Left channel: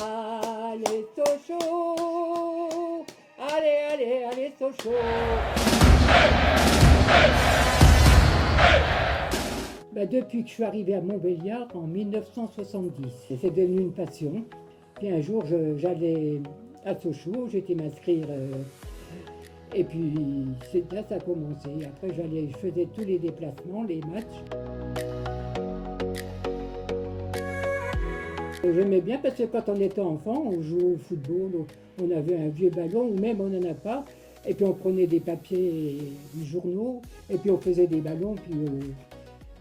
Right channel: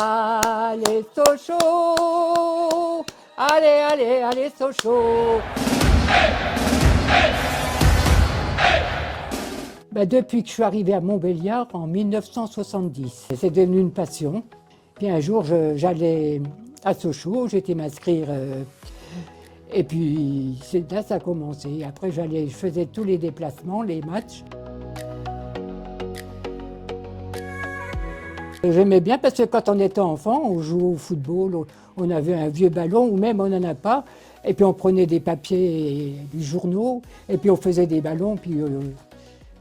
Allez Sochaux, allez, allez, allez Sochaux. Depuis que je suis arrivée à Montbéliard en 1970, c'est devenu une passion. Puis un jour, j'allais à Sochaux, j'étais m'inscrire et puis c'est là que ça a commencé. Après, je faisais tous les déplacements, les matchs. J'aimais bien parce que quand on était enfant, on jouait au football, on avait un vieux ballon ou même on n'en a pas. Et puis on prenait des papiers et des journaux et puis on faisait des ballons. Puis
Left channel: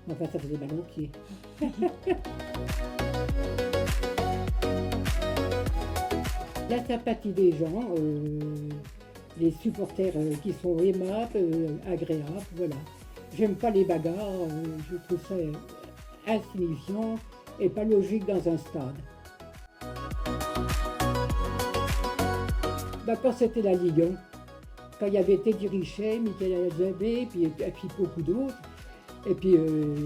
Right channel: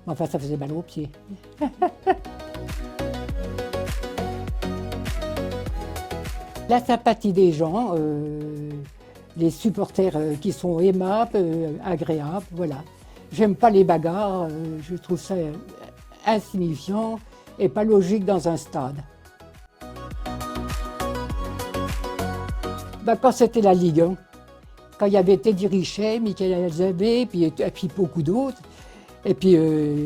enfin, ça faisait mal aux pieds. La sympathie des gens, les supporters qui sont aimables, agréables, voilà. J'aime pas les bagarres, je trouve ça insignifiant et pas logique dans un stade. Quand c'était la Ligue 1, quand il y avait Teddy Richet, Michael Zabé, et puis beaucoup d'autres. Et puis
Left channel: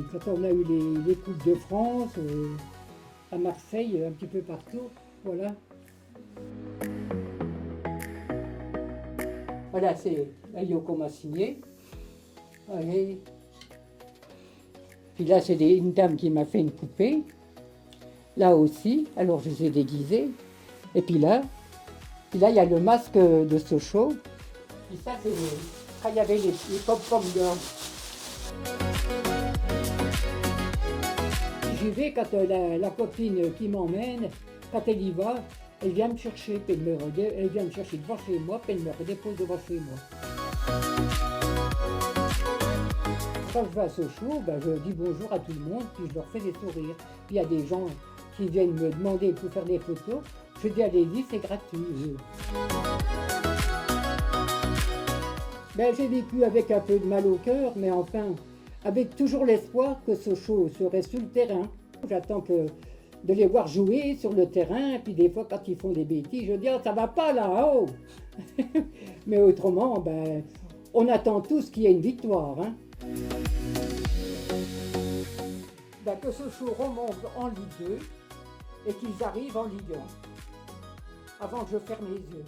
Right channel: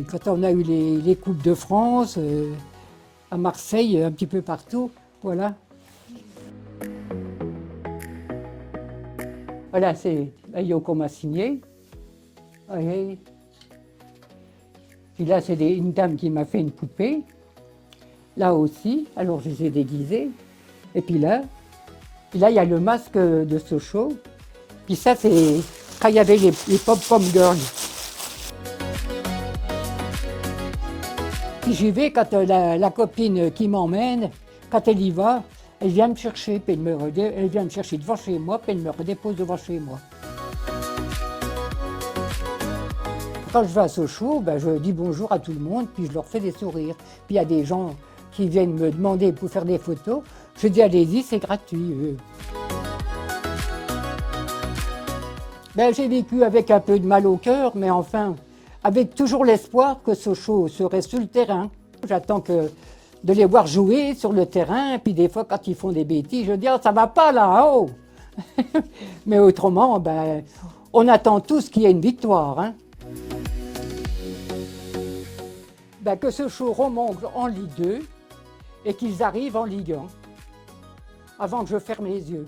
quand on a eu les Coupes de France, à Marseille, un petit peu partout, voilà. Voilà, c'est là qu'on m'a signé. Ouais. Puis là, c'est une dame qui m'a fait une poupée. Là aussi, alors je les ai déguisés. Et puis là, il y a le masque de Sochaux. Puis ça, c'est quand il y avait les pom-pom girls. Puis j'y vais quand la copine qui m'emmène, quand elle y va, elle vient me chercher, puis elle vient me chercher devant chez moi, puis elle me redépose devant chez moi. Quand je vais à Sochaux, je dis bonjour à tout le monde, puis je leur fais des sourires. Puis il y a des gens qui viennent me demander pour faire des photos. Je dis allez-y, c'est gratuit. J'ai vécu avec un peu de mal au cœur, mais enfin, avec toujours l'espoir que Sochaux serait sur le terrain. J'attends de les voir jouer sur le terrain, et puis des fois, quand ils font des bêtises, je dis « ça va pas là-haut !» Mais autrement, on attend tous qu'il y ait une victoire. Hein. Que Sochaux remonte en Ligue 2 et qu'ils arrivent en Ligue 1, avant que je ferme les yeux.